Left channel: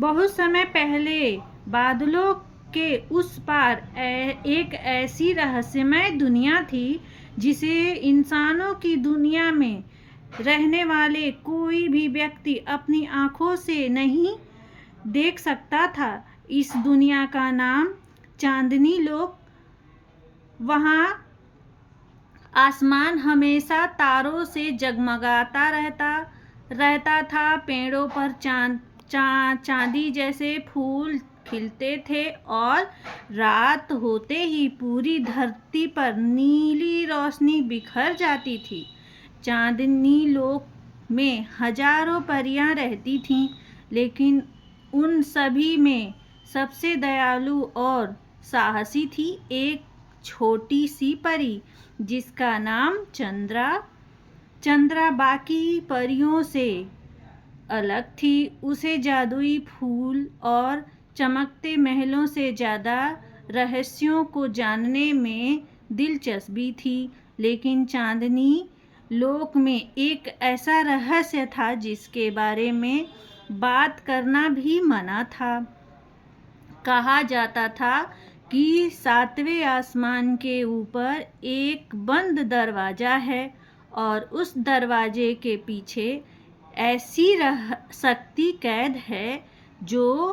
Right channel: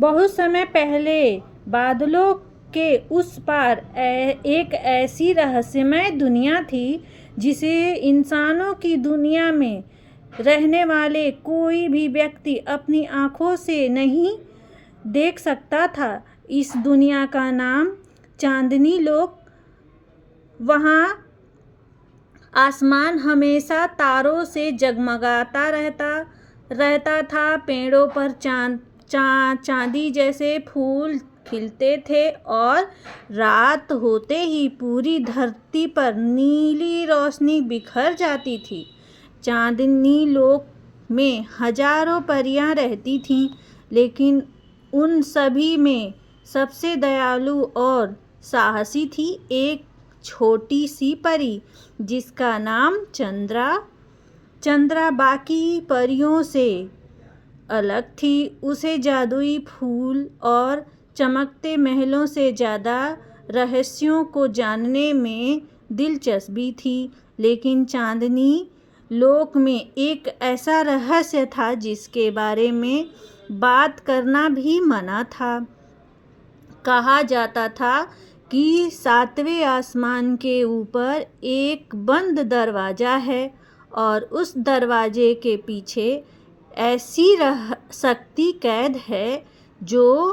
बहुत समय पहले बादलों के उस पार एक ऐसी रहस्यमय दुनिया थी जिसे इंसानों की दुनिया में रहने वाले कोई भी व्यक्ति अपनी आँखों से नहीं देख सकता था। इस दुनिया का नाम चांदनी लोक। वहाँ आसमान हमेशा तारों से जगमगाता रहता था। पेड़ों पर चांदी जैसे फूल खिलते थे और रात होते ही पूरी धरती पर नीली रोशनी बिखर जाती थी। चांदनी लोक में हजारों परियां रहती थीं, लेकिन उन सभी में सबसे दयालु और साहसी थी एक छोटी सी परी जिसका नाम चंद्रा बाकी परियों से अलग थी। उसे जादुई फूल और चमकते महलों से ज़्यादा रहस्यों को जानने में दिलचस्पी थी। लेकिन चांदनी लोक में एक ऐसा रहस्य था जिसके बारे में बात करना भी मना था। कहा जाता था कि 7वें आसमान के ऊपर एक बंद दरवाज़ा है और उस दरवाजे के पीछे ऐसी शक्ति कैद है जो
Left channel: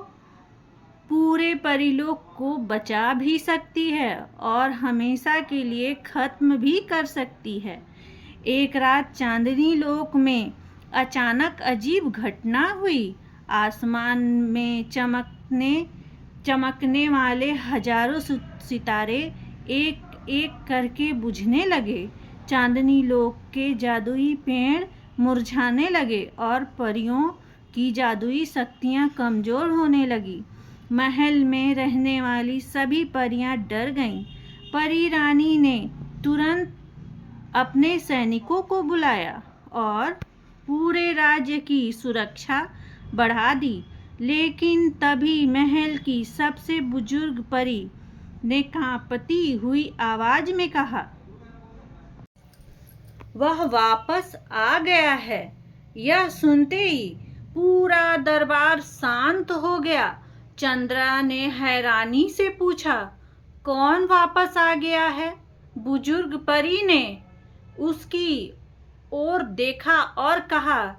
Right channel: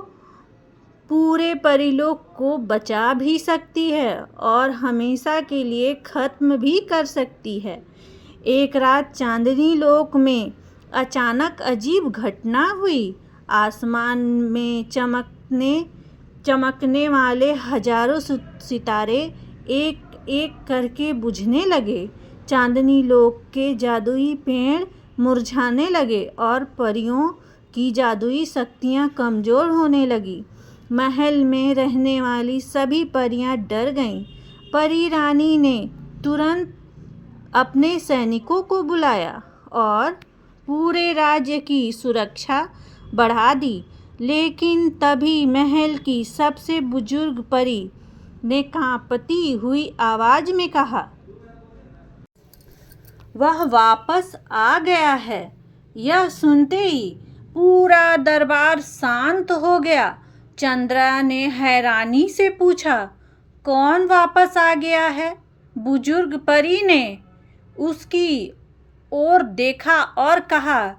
पूरे परीलोक को बचा भी सकती है और हमेशा के लिए ख़त्म भी कर सकती है। एक रात चांदनी लोक में अचानक अजीब घटना हुई। आसमान में चमकने वाले हजारों सितारे एक एक करके बुझने लगे। चांदनी लोक के जादुई पेड़ मुरझाने लगे और परियों की जादुई शक्तियाँ कमज़ोर होने लगी। महल में रहने वाली सभी परियां डर गईं। परी रानी ने तुरंत अपने सैनिकों को बुलाया और पूरे राज्य की सुरक्षा बढ़ा दी। लेकिन तभी महल की सबसे बुजुर्ग परी ने कांपती हुई आवाज में कहा, वह वापस आ गया है। यह सुनते ही पूरा दरबार शांत हो गया। चंद्रा ने हैरानी से पूछा, कौन वापस आ गया है? बुजुर्ग परी ने उसकी ओर देखा और कहा,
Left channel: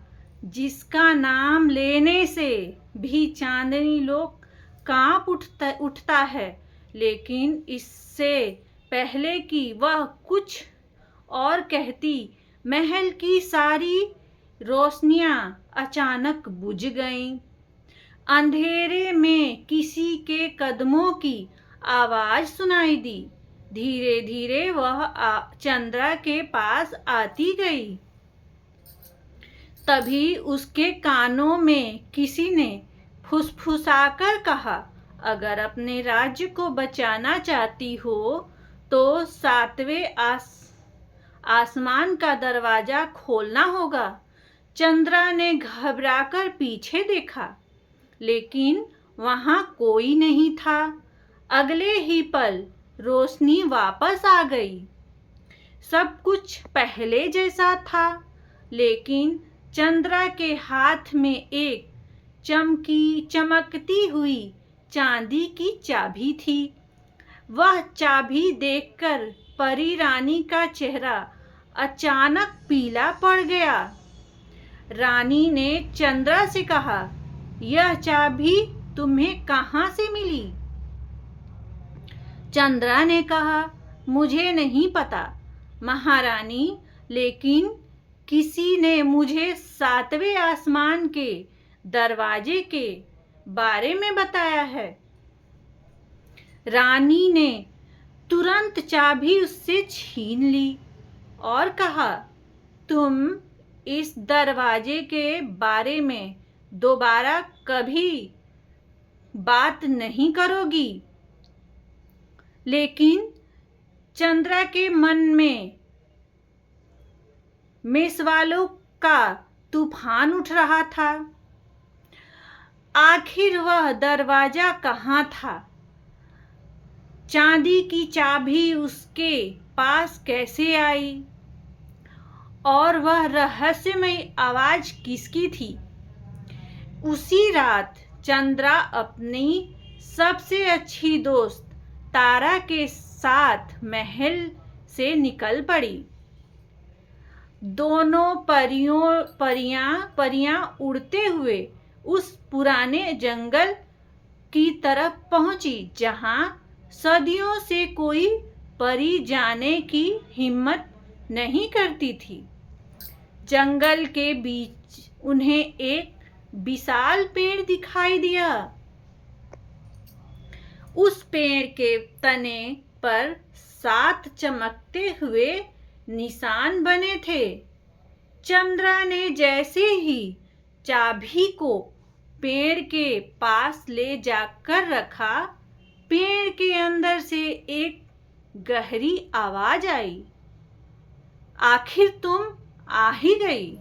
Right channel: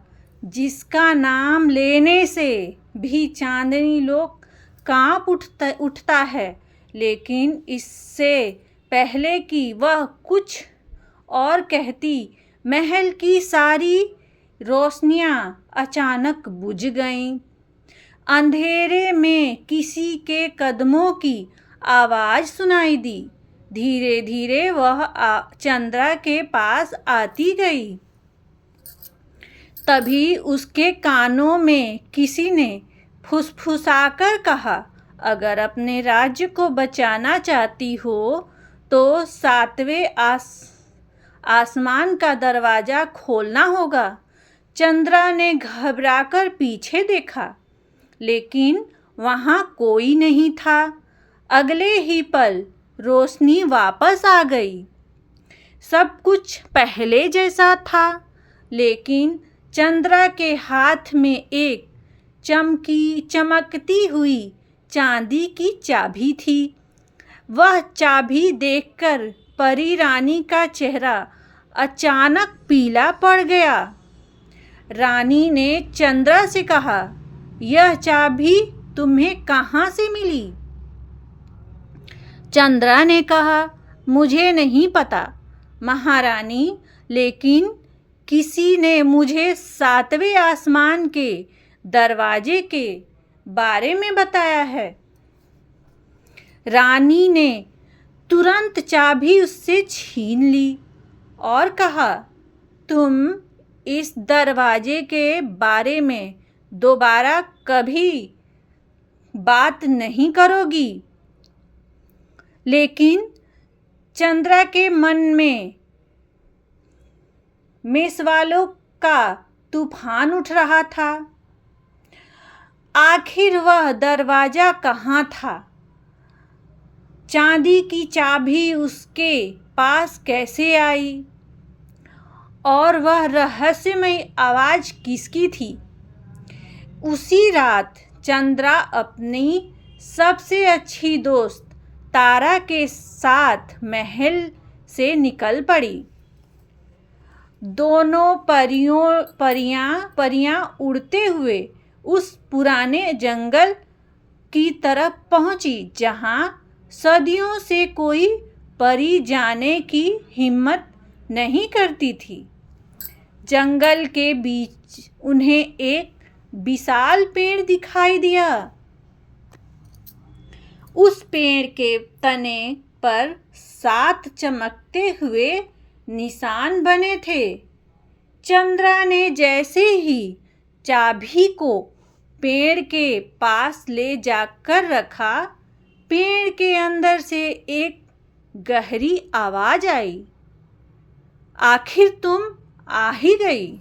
जिसका नाम लेने से भी चांदनी लोक कांप उठता है। लेकिन इससे पहले कि वह कुछ और कहती, महल की सारी रोशनियां अचानक बुझ गईं। अंधेरे में किसी के कदमों की आवाज सुनाई दी। धीरे धीरे वह चंद्रा के पास आती गई। तभी उसके कानों में किसी ने फुसफुसाकर कहा, अगर अपने राज्य को बचाना चाहती हो तो 7वें आसमान का दरवाज़ा खोलना होगा। चंद्रा ने घबराकर पीछे देखा, लेकिन वहाँ कोई नहीं था। अगले ही पल रोशनी वापस आ गई। सब कुछ पहले जैसा था, लेकिन चंद्रा के हाथ में एक चमकती हुई चांदी की चाबी थी। वह चाबी देखकर परी रानी का चेहरा अचानक पीला पड़ गया। रानी ने चंद्रा से कहा, यह चाबी तुम्हें कहाँ से मिली? चंद्रा ने कहा, मुझे नहीं पता महारानी, लेकिन किसी ने मुझे 7वें आसमान के दरवाजे के बारे में बताया है। रानी ने तुरंत चाबी उससे छीन ली और कहा, तुम इस दरवाजे के बारे में दोबारा कभी बात नहीं करोगी। लेकिन चंद्रा के मन में सवालों का तूफान उठ रहा था। आखिर वह दरवाजा कहाँ था? चांदी की चाबी उसके पास कैसे आई? और वह रहस्यमय आवाज किसकी थी? उसी रात चंद्रा अपनी सबसे अच्छी दोस्त तारा के साथ महल से निकल पड़ी। दोनों परियां उड़ते हुए उस पुराने जंगल की तरफ पहुंची जहां सदियों से कोई परी जाने की हिम्मत नहीं करती थी। जंगल के बीच उन्हें एक विशाल पेड़ दिखाई दिया। उस पेड़ के तने पर 7 चमकते हुए निशान बने थे। चंद्रा ने जैसे ही चाबी को पेड़ के पास ले जाकर रखा, पेड़ के अंदर से एक गहरी आवाज आई, आखिर तुम आ ही गई।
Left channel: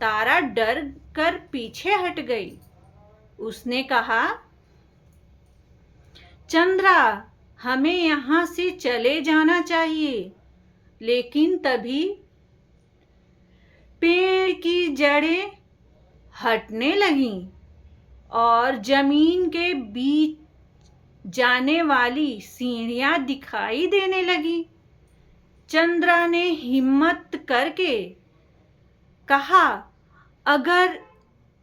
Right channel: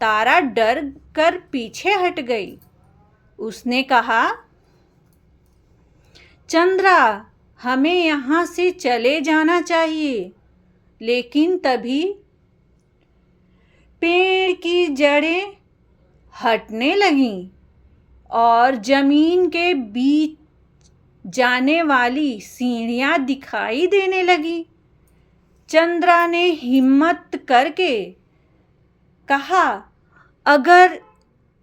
तारा डर कर पीछे हट गई। उसने कहा, चंद्रा, हमें यहाँ से चले जाना चाहिए। लेकिन तभी पेड़ की जड़ें हटने लगीं और जमीन के बीच जाने वाली सीढ़ियां दिखाई देने लगी। चंद्रा ने हिम्मत करके कहा, अगर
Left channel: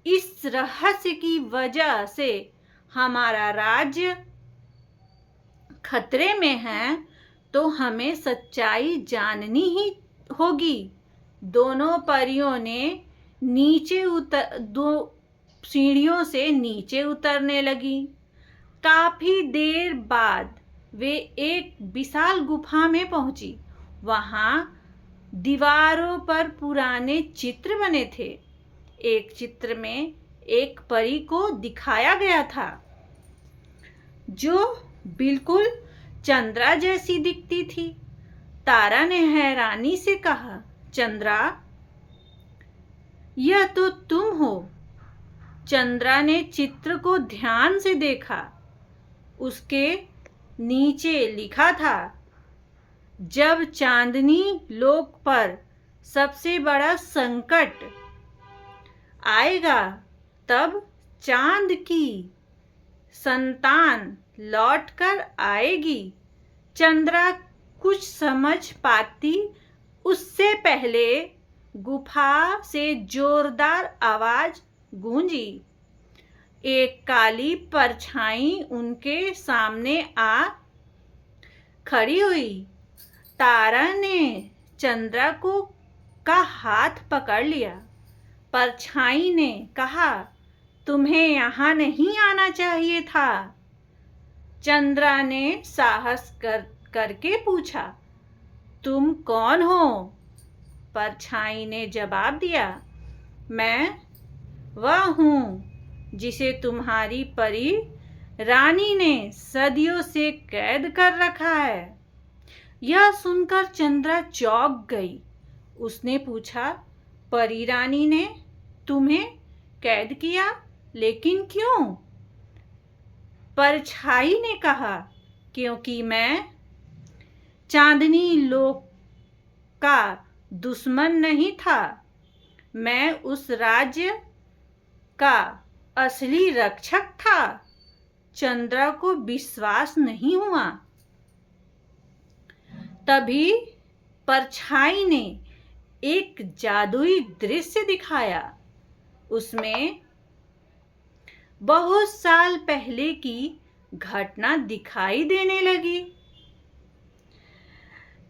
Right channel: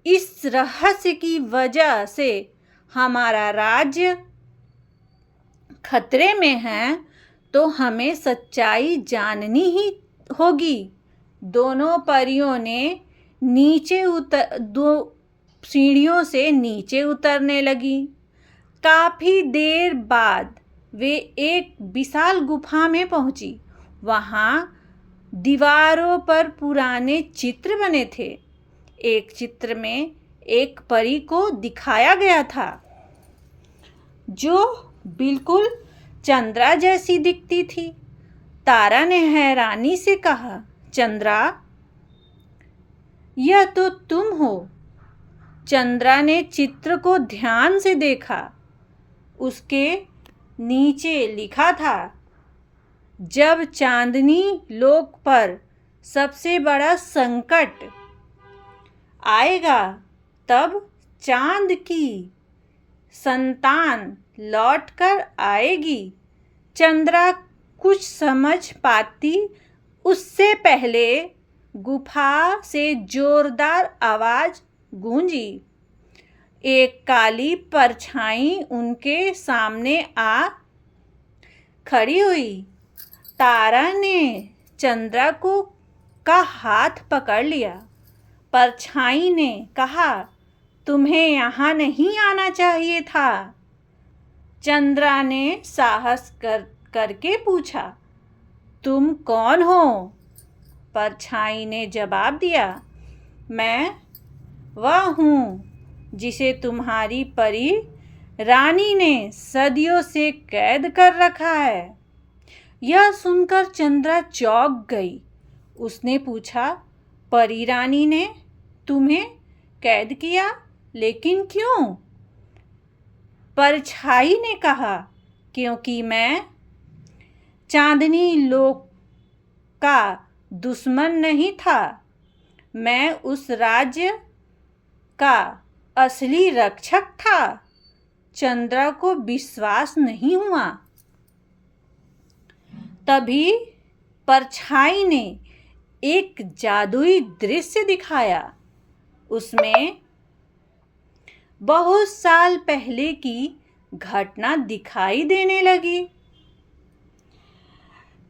इस रहस्य की वजह से हमारा राज्य खतरे में है तो हमें सच्चाई जाननी ही होगी। दोनों परियों ने दो सीढ़ियों से नीचे उतरने लगी। काफी देर बाद वे एक विशाल गुफा में पहुंची। वहां दीवारों पर पुराने चित्र बने थे। एक चित्र में एक परी को दिखाया गया था जो बिल्कुल चंद्रा जैसी दिखती थी। तारा ने हैरानी से कहा, चंद्रा, यह तो तुम हो। चंद्रा ने चित्र को ध्यान से देखा। उसके नीचे लिखा था, जब चांदनी लोक पर सबसे बड़ा संकट आएगा तब चांद की संतान लौटकर आएगी। चंद्रा कुछ समझ पाती उससे पहले गुफा से जोरदार आवाज गूंजी। एक काली परछाई उनके सामने आ खड़ी हुई। तारा ने चंद्रा का हाथ पकड़ लिया। परछाई ने कहा, तुम्हें यहाँ नहीं आना चाहिए था। चंद्रा ने साहस करके पूछा, तुम कौन हो? परछाई ने जवाब दिया, मैं वह हूँ जिसे तुम्हारी परी रानी ने सदियों से कैद कर रखा है। यह सुनकर चंद्रा चौंक गई। उसने पूछा, परी रानी ने तुम्हें कैद किया, लेकिन क्यों? परछाई ने कहा, क्योंकि मैं चांदनी लोक का दुश्मन नहीं था। मैं उस राज्य का असली रक्षक था। चंद्रा को विश्वास नहीं हुआ। तभी परछाई ने एक जादुई दृश्य दिखाया। उसमें बहुत साल पहले की घटना दिखाई देने लगी।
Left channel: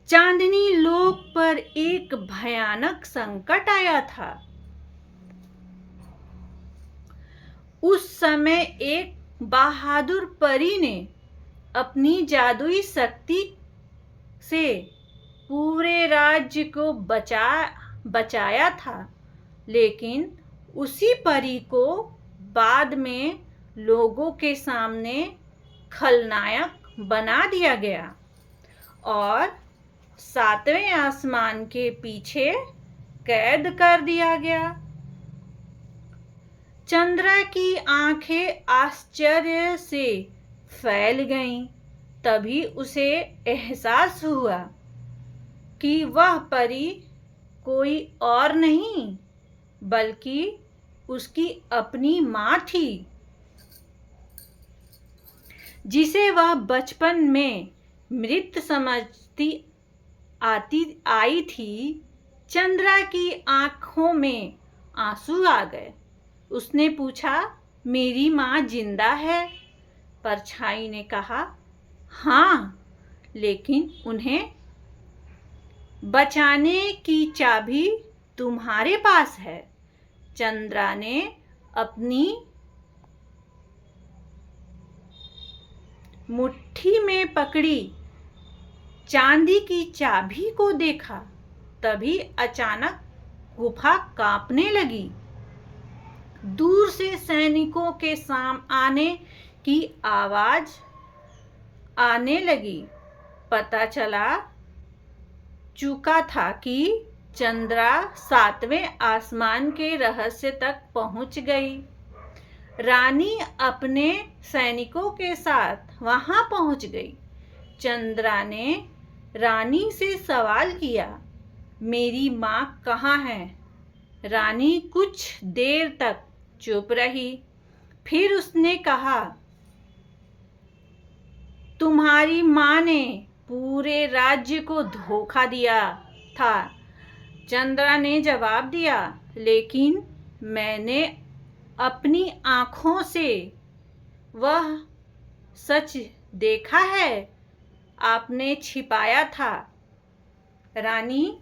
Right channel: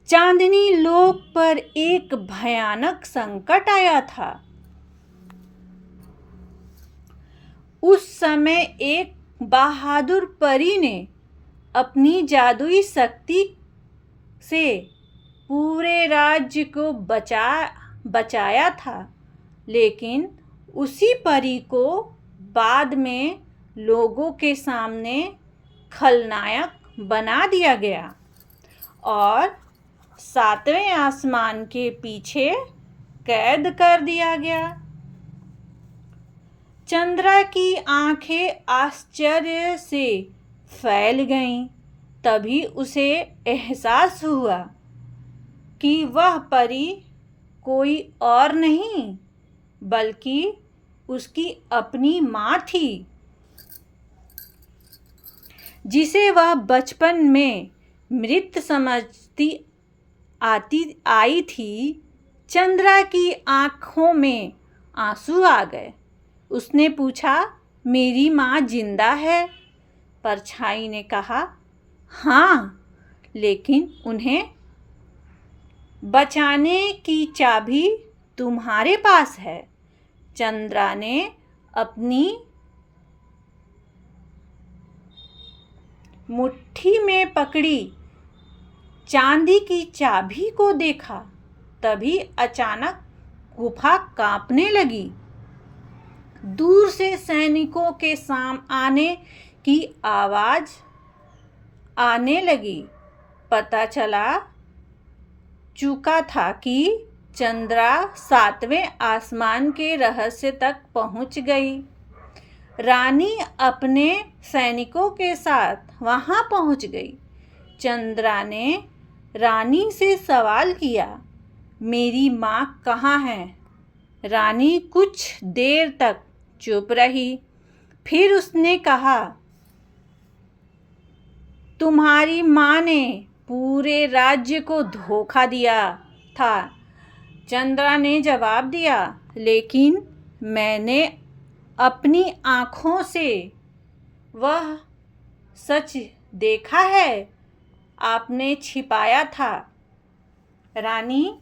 चांदनी लोक पर एक भयानक संकट आया था। उस समय एक बहादुर परी ने अपनी जादुई शक्ति से पूरे राज्य को बचाया था। लेकिन उसी परी को बाद में लोगों के सामने खलनायक बना दिया गया और 7वें आसमान के पीछे कैद कर दिया गया। चंद्रा की आंखें आश्चर्य से फैल गईं। तभी उसे एहसास हुआ कि वह परी कोई और नहीं बल्कि उसकी अपनी माँ थी। जिसे वह बचपन में मृत समझती आई थी, चंद्रा की आंखों में आंसू आ गए। उसने पूछा, मेरी माँ जिंदा है? परछाई ने कहा, हाँ, लेकिन उन्हें बचाने की चाबी तुम्हारे पास है। चंद्रा ने अपनी मुट्ठी में पकड़ी चांदी की चाबी को देखा। तभी अचानक गुफा कांपने लगी। दूर से सैनिकों के आने की आवाज आने लगी। पता चला चुका था कि चंद्रा 7वें आसमान के रहस्य तक पहुंच गई। रानी अपने सैनिकों के साथ वहां पहुंच गई। चंद्रा ने रानी से सवाल किया, मेरी माँ कहाँ है? रानी कुछ देर तक चुप रही। फिर उसने कहा, तुम्हारी माँ ने पूरे राज्य को धोखा दिया था। चंद्रा ने जवाब दिया, लेकिन मैंने अपनी आँखों से वह सच देखा है आपने छिपाया था। रानी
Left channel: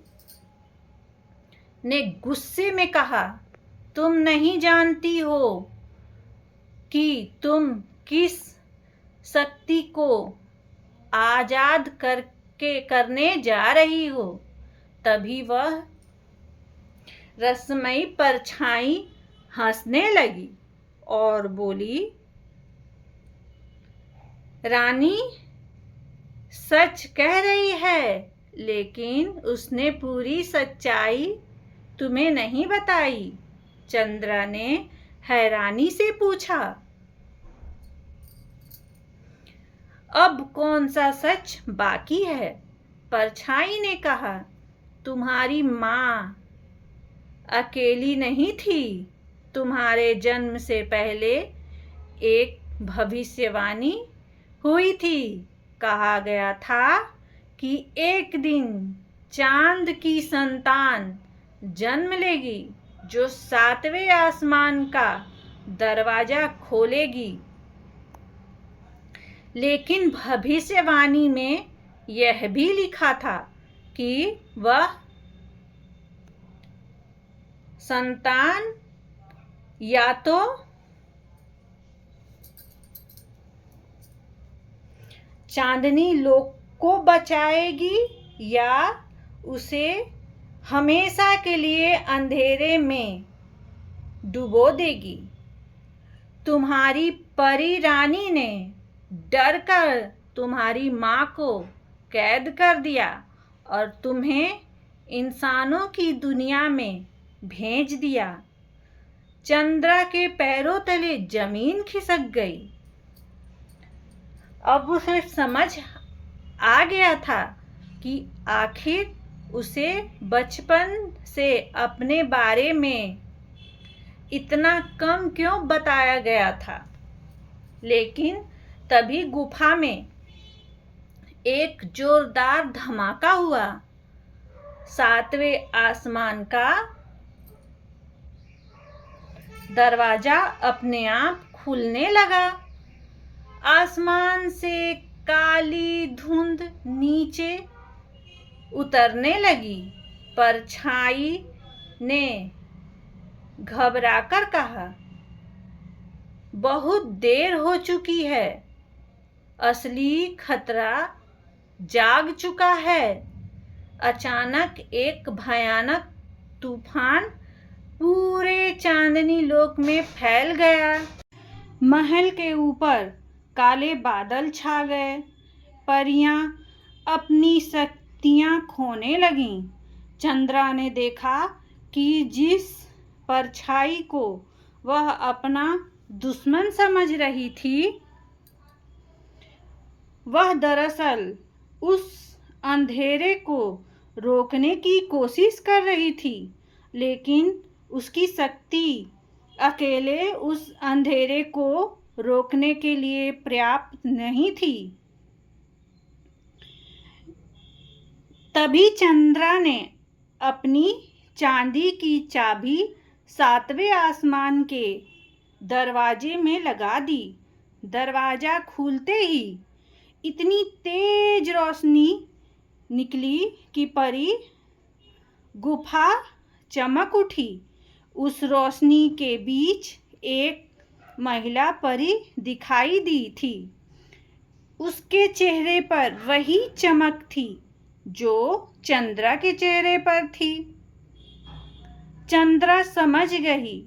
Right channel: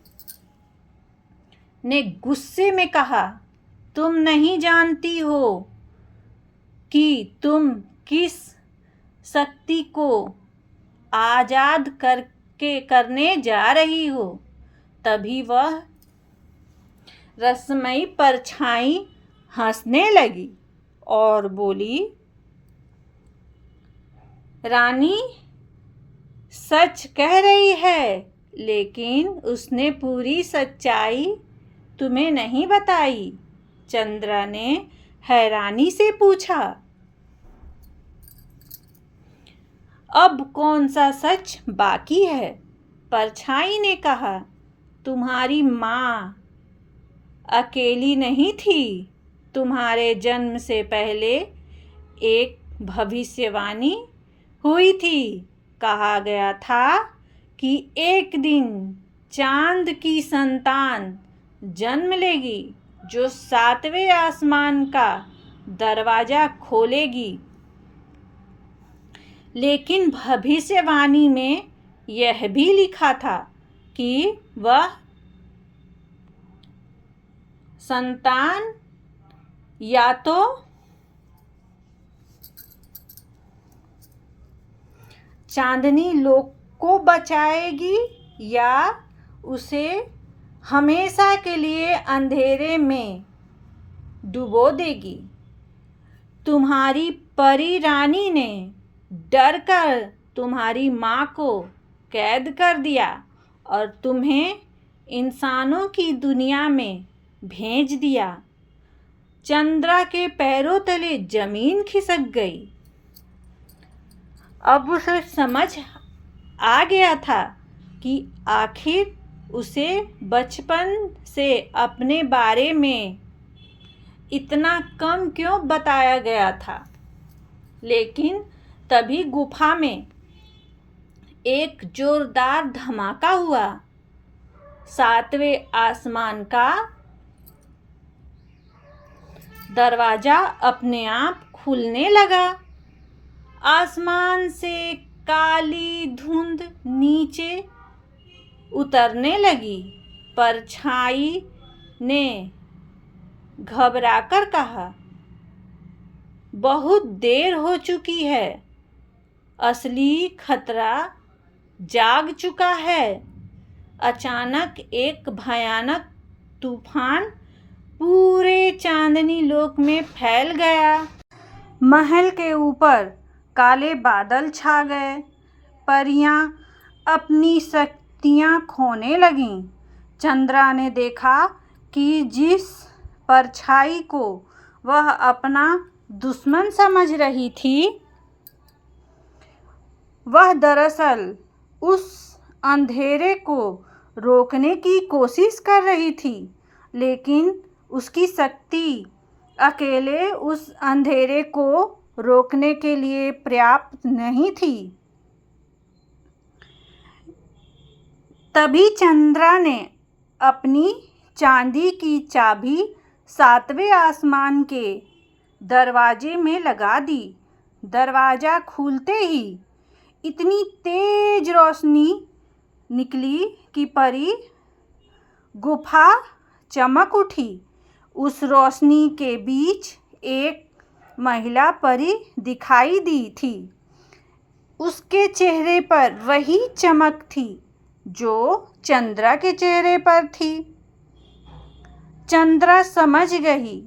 ने गुस्से में कहा, तुम नहीं जानती हो कि तुम किस शक्ति को आजाद करने जा रही हो। तभी वह रसमयी परछाई हंसने लगी और बोली, रानी सच कह रही है, लेकिन उसने पूरी सच्चाई तुम्हें नहीं बताई। चंद्रा ने हैरानी से पूछा, अब कौन सा सच बाकी है? परछाई ने कहा, तुम्हारी माँ अकेली नहीं थी। तुम्हारे जन्म से पहले एक भविष्यवाणी हुई थी। कहा गया था कि एक दिन चांद की संतान जन्म लेगी जो 7वें आसमान का दरवाजा खोलेगी। लेकिन भविष्यवाणी में यह भी लिखा था कि वह संतान या तो चांदनी लोक को बचाएगी या उसे हमेशा के लिए अंधेरे में डुबो देगी। तुम्हारी परी रानी ने डर कर तुम्हारी माँ को कैद कर दिया और तुम्हें इंसानों की दुनिया में भेज दिया। चंद्रा के पैरों तले जमीन खिसक गई। अब उसे समझ आ गया था कि आखिर उसे बचपन से अपने बारे में इतना कम क्यों बताया गया था। लेकिन तभी गुफा में एक जोरदार धमाका हुआ। 7वें आसमान का दरवाजा अपने आप खुलने लगा। आसमान से काली धुंध नीचे उतरने लगी। परछाई ने घबराकर कहा, बहुत देर हो चुकी है। असली खतरा जाग चुका है। अचानक एक भयानक तूफान पूरे चांदनी लोक में फैल गया। महल के ऊपर काले बादल छा गए। परियां अपनी शक्तियां खोने लगीं। चंद्रा ने देखा कि जिस परछाई को वह अपना दुश्मन समझ रही थी, वह दरअसल उस अंधेरे को रोकने की कोशिश कर रही थी। लेकिन उसकी शक्ति अकेले उस अंधेरे को रोकने के लिए पर्याप्त नहीं थी। तभी चंद्रा ने अपनी चांदी की चाबी 7वें आसमान के दरवाजे में लगा दी। दरवाज़ा खुलते ही इतनी तेज रोशनी निकली कि परी गुफा चमक उठी। उस रोशनी के बीच एक महिला परी दिखाई दी थी। उसके चेहरे पर वही चमक थी जो चंद्रा के चेहरे पर थी। चंद्रा समझ गई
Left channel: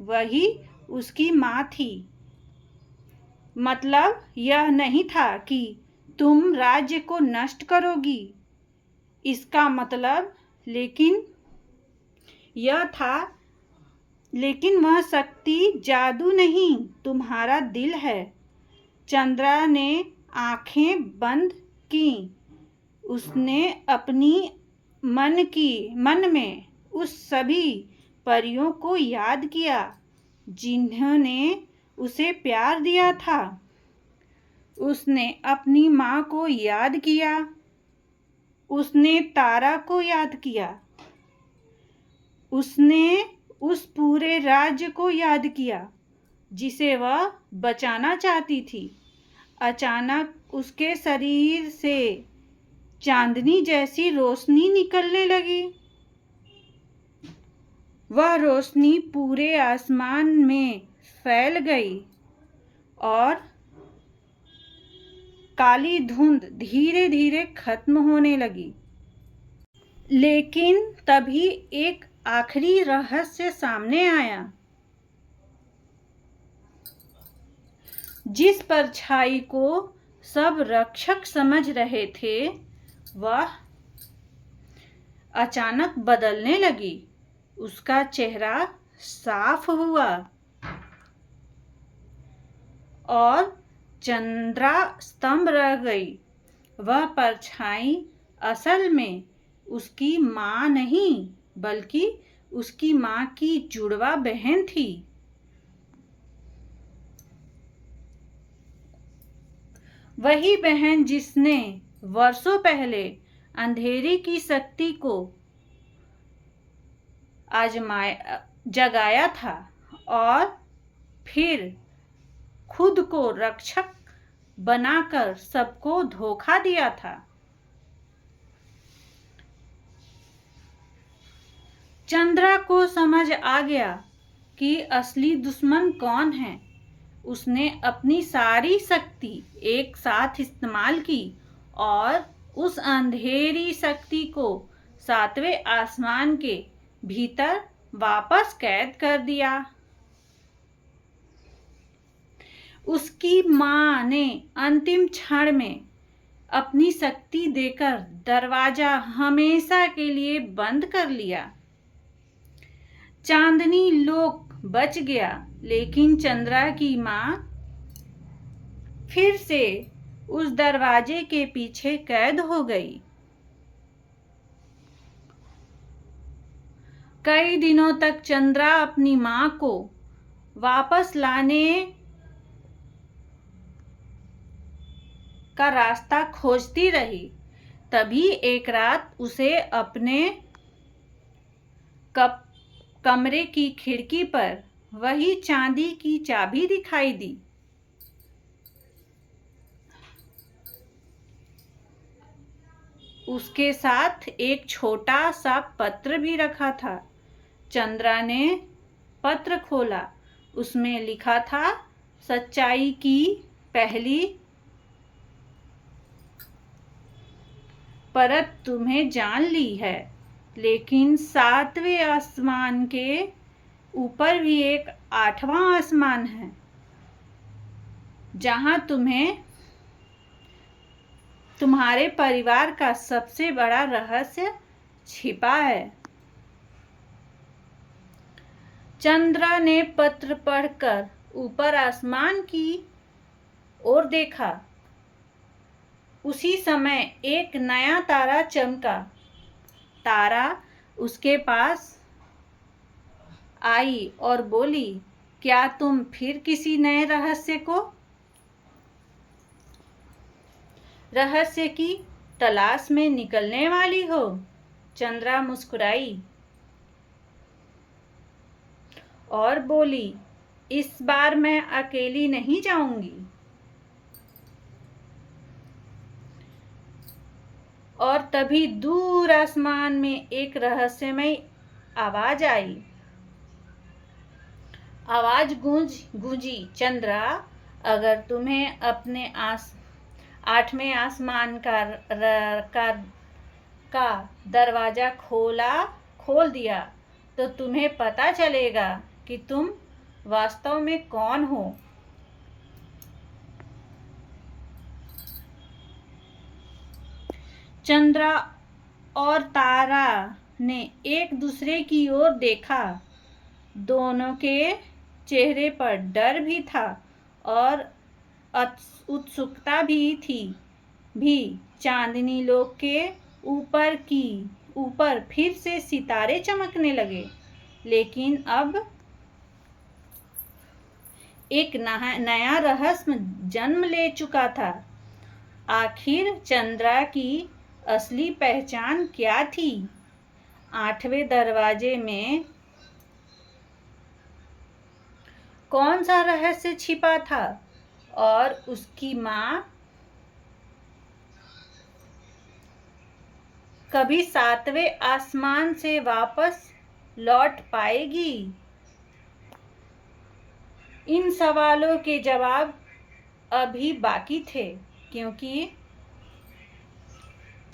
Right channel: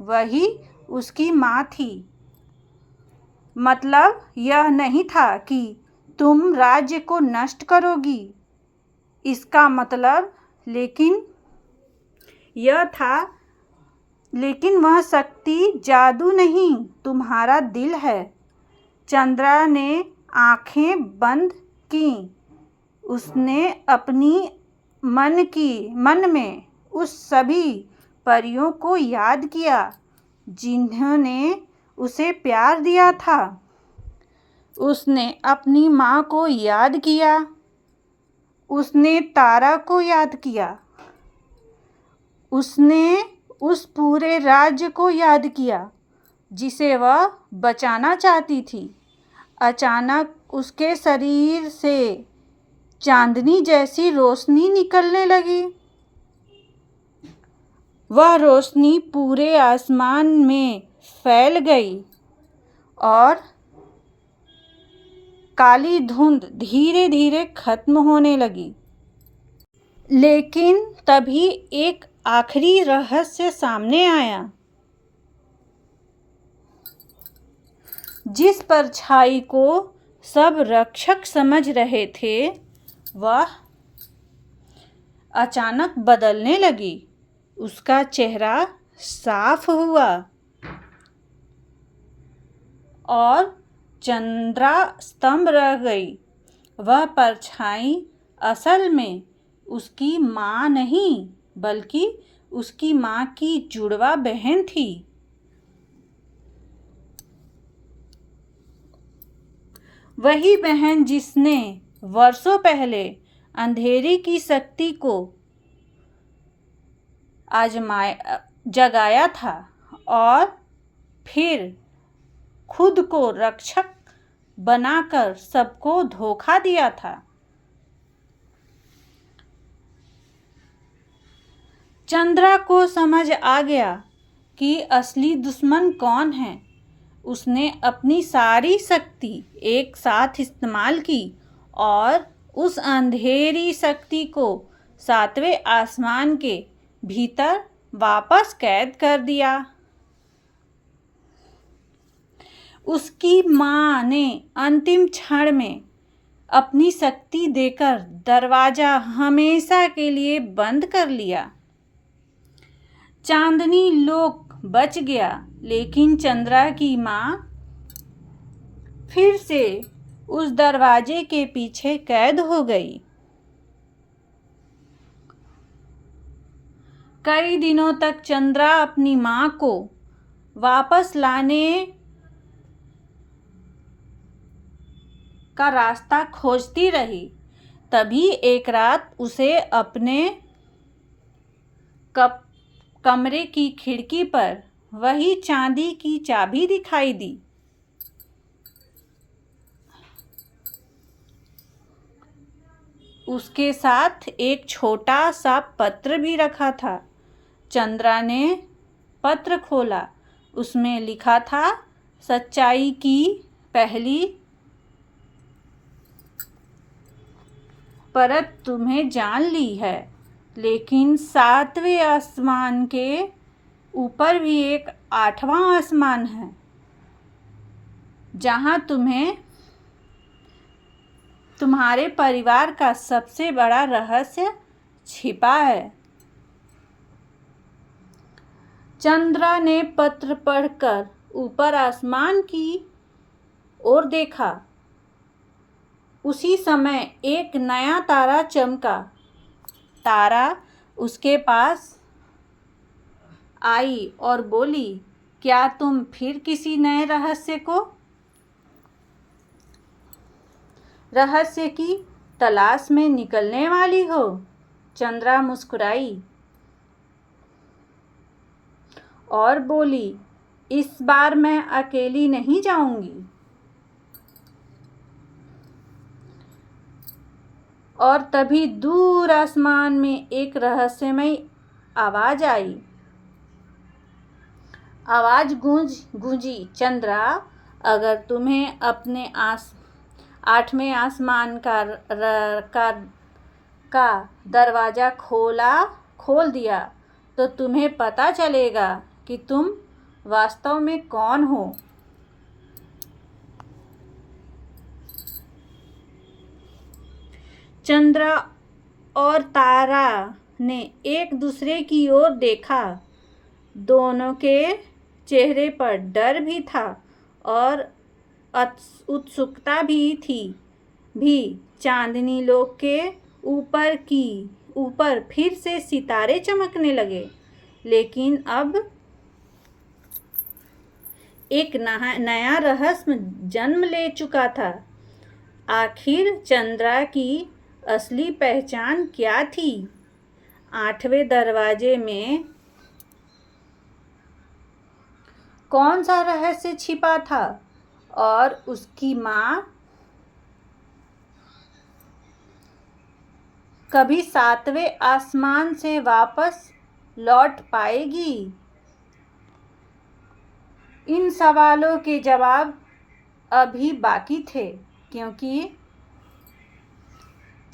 वही उसकी माँ थी। मतलब यह नहीं था कि तुम राज्य को नष्ट करोगी, इसका मतलब लेकिन वह शक्ति जादू नहीं, तुम्हारा दिल है। चंद्रा ने आंखें बंद की। उसने अपनी मन में उस सभी परियों को याद किया जिन्होंने उसे प्यार दिया था। उसने अपनी माँ को याद किया। उसने तारा को याद किया। उसने उस पूरे राज्य को याद किया जिसे वह बचाना चाहती थी। अचानक उसके शरीर से चांदनी जैसी रोशनी निकलने लगी। वह रोशनी पूरे आसमान में फैल गई और काली धुंध धीरे धीरे खत्म होने लगी। लेकिन तभी एक आखिरी रहस्य सामने आया। जिस परछाई को सब रक्षक समझ रहे थे वह अचानक बदलने लगी। उसका चेहरा साफ हुआ और चंद्रा स्तंभ रह गई। वह परछाई असल में उसकी माँ नहीं बल्कि उसकी माँ की जुड़वा बहन थी। वही बहन जिसने वर्षों पहले अंधेरे की शक्ति को जगाया था और फिर खुद को रक्षक बनाकर सबको धोखा दिया था। चंद्रा को समझ आ गया कि असली दुश्मन कौन है। उसने अपनी सारी शक्ति एक साथ इस्तेमाल की और उस अंधेरी शक्ति को 7वें आसमान के भीतर वापस कैद कर दिया। उसकी माँ ने अंतिम क्षण में अपनी शक्ति देकर दरवाजा हमेशा के लिए बंद कर लिया। चांदनी लोक बच गया, लेकिन चंद्रा की माँ फिर से उस दरवाजे के पीछे कैद हो गई। कई दिनों तक चंद्रा अपनी माँ को वापस लाने का रास्ता खोजती रही। तभी एक रात उसे अपने कमरे की खिड़की पर वही चांदी की चाबी दिखाई दी। उसके साथ एक छोटा सा पत्र भी रखा था। चंद्रा ने पत्र खोला। उसमें लिखा था, सच्चाई की पहली परत तुम्हें जान ली है, लेकिन 7वें आसमान के ऊपर भी एक 8वां आसमान है जहां तुम्हारे परिवार का सबसे बड़ा रहस्य छिपा है। चंद्रा ने पत्र पढ़कर ऊपर आसमान की ओर देखा। उसी समय एक नया तारा चमका। तारा उसके पास आई और बोली, क्या तुम फिर किसी नए रहस्य की तलाश में निकलने वाली हो? चंद्रा मुस्कुराई और बोली, इस बार मैं अकेली नहीं जाऊंगी। और तभी दूर आसमान में एक रहस्यमय आवाज आई। आवाज गूंजी, चंद्रा, अगर तुम्हें अपने आठवें आसमान का दरवाजा खोल दिया तो तुम्हें पता चलेगा कि तुम वास्तव में कौन हो। चंद्रा और तारा ने एक दूसरे की ओर देखा। दोनों के चेहरे पर डर भी था और उत्सुकता भी थी। चांदनी लोक के ऊपर फिर से सितारे चमकने लगे, लेकिन अब एक नया रहस्य जन्म ले चुका था। आखिर चंद्रा की असली पहचान क्या थी? आठवें दरवाजे में कौन सा रहस्य छिपा था? और उसकी माँ कभी सातवें आसमान से वापस लौट पाएगी? इन सवालों के जवाब अभी बाकी थे, क्योंकि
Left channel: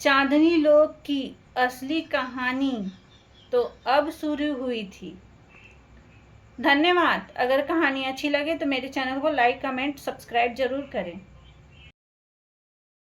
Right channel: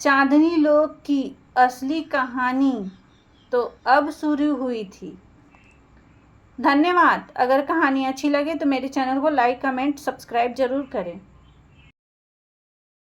चांदनी लोक की असली कहानी तो अब शुरू हुई थी। धन्यवाद। अगर कहानी अच्छी लगे तो मेरे चैनल को लाइक, कमेंट, सब्सक्राइब जरूर करें।